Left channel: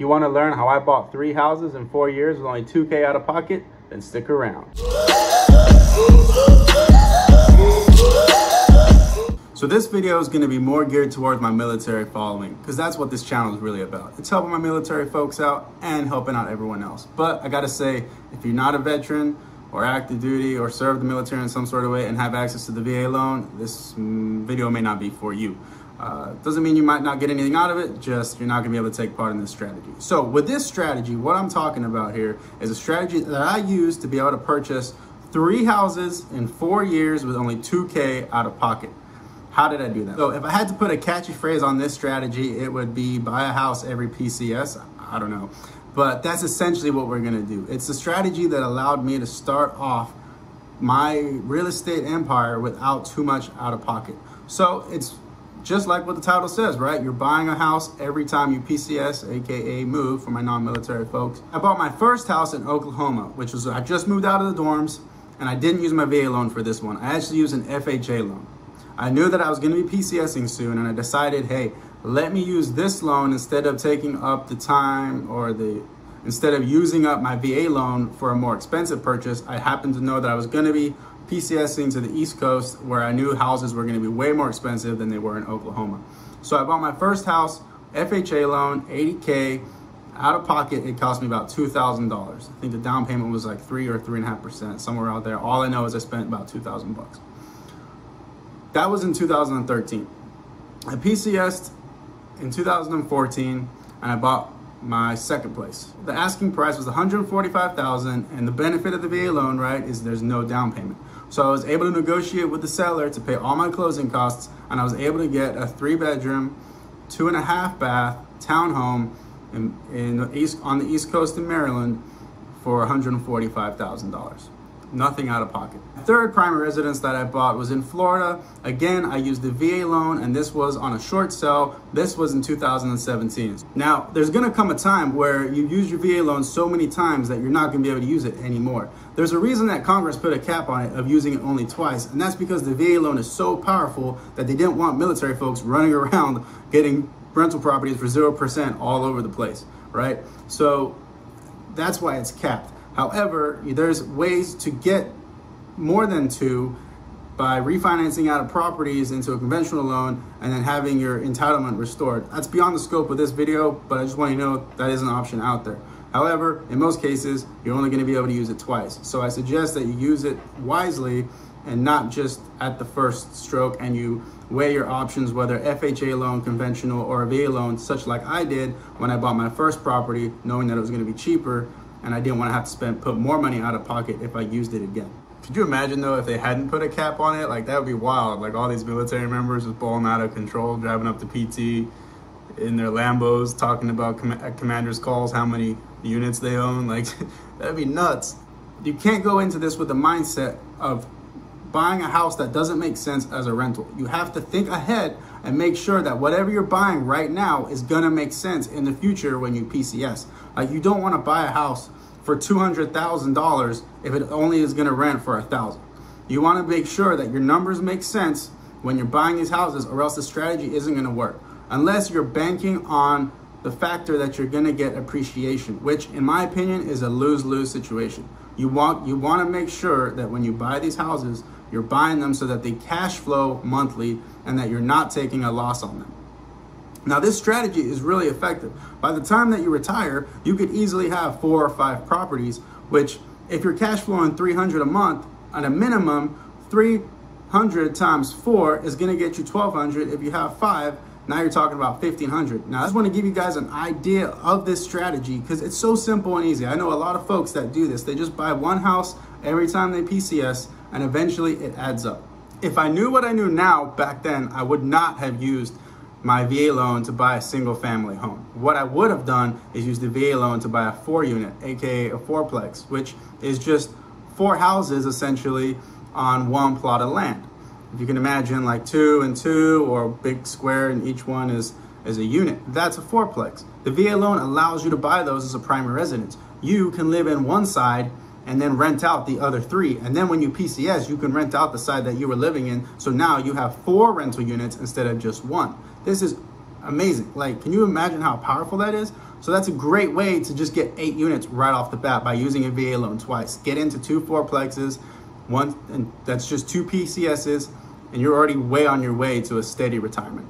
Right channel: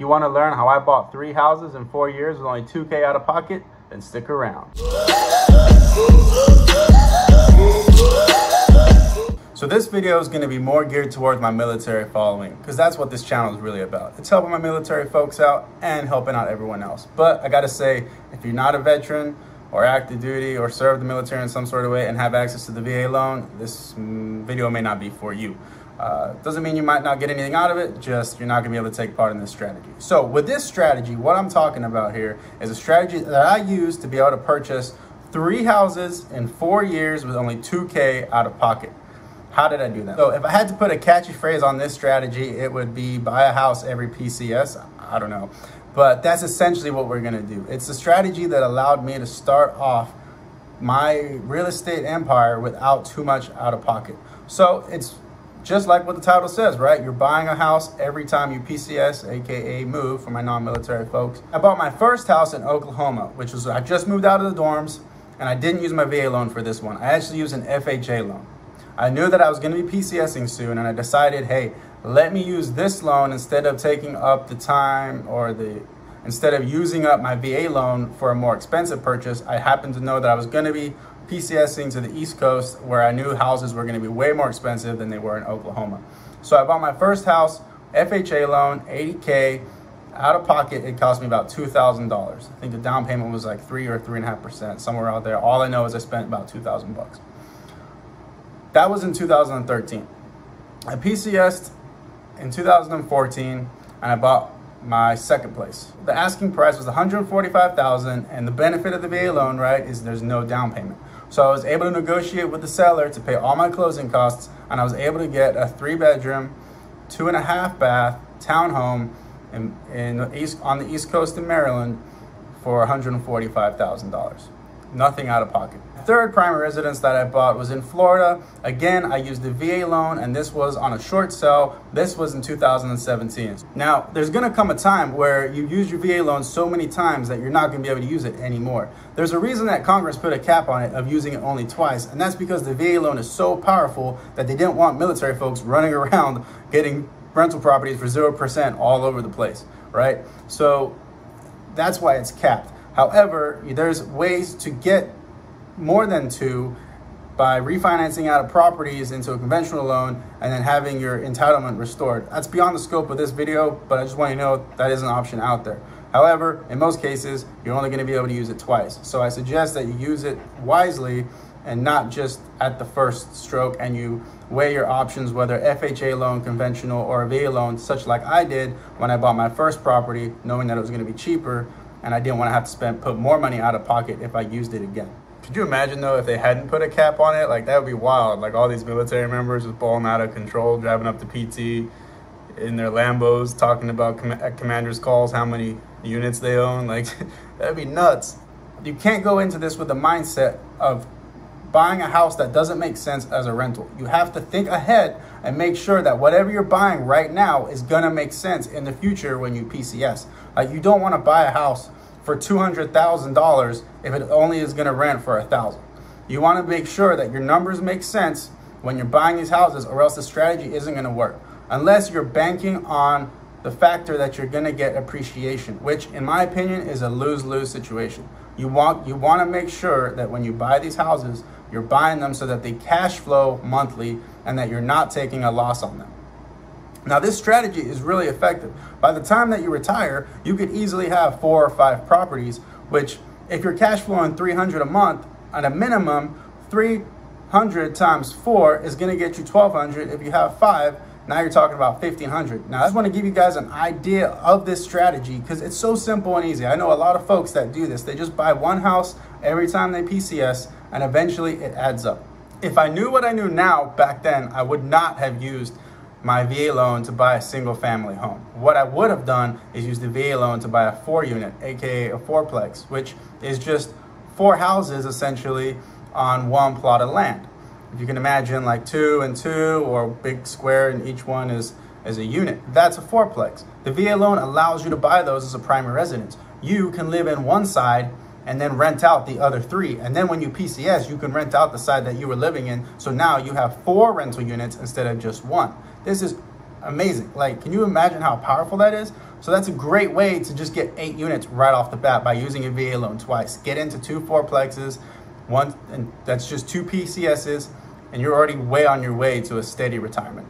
If you want to learn how I bought 3 houses in 4 years with only $2K out of pocket, then stick around. So this video is going to be more geared towards my military following, because that's what this channel is really about. It's helping my military folks out and helping out everyone else. But I got to say, if you're not a veteran or active duty or served the military in some sort of way and have access to the VA loan, this video may not be for you. Doesn't mean you might not get anything out of it, just you're not gonna be able to take part in this strategy. So with this strategy, what I'm talking about here is a strategy that I use to be able to purchase 3 houses in 4 years with only $2K out of pocket. How did I do that? So if I had to put a catchy phrase on this strategy, it would be buy a house every PCS. I don't know, but that's essentially what we're gonna do. It's a strategy that allowed me to start off my real estate empire without too much out of pocket. So it's just like what the title says, right? You're buying a house every time you PCS, AKA move for my non-military folks. I bought my first house in Oklahoma, which was, I just moved out of the dorms and I didn't use my VA loan for this one. I actually used an FHA loan. I knew that I was gonna be PCSing soon and I decided, hey, let me use this loan instead of taking up the time or instead of using up my VA loan for a more expensive purchase. I happened to know that I was gonna be PCSing to the East Coast, where I knew houses were gonna be way more expensive than they were in Oklahoma. So I bought my first house, FHA loan, 80K, out of pocket. It cost me about $2,000. I think the down payment was like 3 or 3.5%, somewhere out there. All I know is I spent about 2,000 bucks. That was in 2013. I PCS'd in 2014 and I bought my second place. The asking price was $145,000, and the benefit of the VA loan, right, is there's no down payment. So I was able to negotiate with the seller to pay all my closing costs, and I was able to get a 3-bedroom, 2.5 bath townhome on the East Coast in Maryland for $145,000. Nothing out of pocket. The third primary residence that I bought was in Florida. Again, I used the VA loan, and this was on a short sale. This was in 2017. Now, there's gonna come a time where you use your VA loan so many times that you're not gonna be able to use it anymore. There's a reason that Congress put a cap on it of using it only twice, and that's because the VA loan is so powerful that they didn't want military folks running around getting rental properties for 0% all over the place, right? So that's why it's capped. However, there's ways to get more than 2 by refinancing out of properties into a conventional loan and then having your entitlement restored. That's beyond the scope of this video, but I just want you to know that is an option out there. However, in most cases, you're only going to be able to use it twice. So I suggest that you use it wisely and not just at the first stroke, and you weigh your options, whether FHA loan, conventional, or a VA loan, such like I did when I bought my first property, knowing that it was going to be cheaper and I didn't want to have to put more money out of pocket if I used it again. Could you imagine though if they hadn't put a cap on it? Like, that would be wild. Like, all these military members just balling out of control, driving up to PT in their Lambos, talking about commanders' calls, how many units they own. Like, that'd be nuts. You can't go into this with the mindset of buying a house that doesn't make sense as a rental. You have to think ahead and make sure that whatever you're buying right now is gonna make sense in the future when you PCS. Like, you don't wanna buy a house for $200,000 if it only is gonna rent for $1,000. You wanna make sure that your numbers make sense when you're buying these houses, or else the strategy isn't gonna work. Unless you're banking on the factor that you're gonna get appreciation, which in my opinion is a lose-lose situation. You wanna make sure that when you buy these houses, you're buying them so that they cash flow monthly and that you're not taking a loss on them. Now, this strategy is really effective. By the time that you retire, you could easily have 4 or 5 properties, which if you're cash flowing $300 a month, at a minimum, 300 times 4 is gonna get you $1,200. If you have 5, now you're talking about $1,500. Now, I just want to give you guys an idea of this strategy because it's so simple and easy. I know a lot of folks that do this. They just buy one house every time they PCS, and eventually it adds up. If I knew what I knew now back then, I would not have used my VA loan to buy a single family home. What I would have done is use the VA loan to buy a 4-unit, aka a 4-plex, which is just 4 houses essentially on one plot of land. If you can imagine, like 2 and 2, or big square, and each one is a unit. That's a 4-plex. The VA loan allows you to buy those as a primary residence. You can live in one side and then rent out the other 3. And then when you PCS, you can rent out the side that you were living in. So now you have 4 rental units instead of just 1. This is amazing. Like, can you imagine how powerful that is? So that's a great way to just get 8 units right off the bat by using a VA loan twice. Get into 2 fourplexes, one, and that's just 2 PCSs, and you're already way on your way to a steady retirement.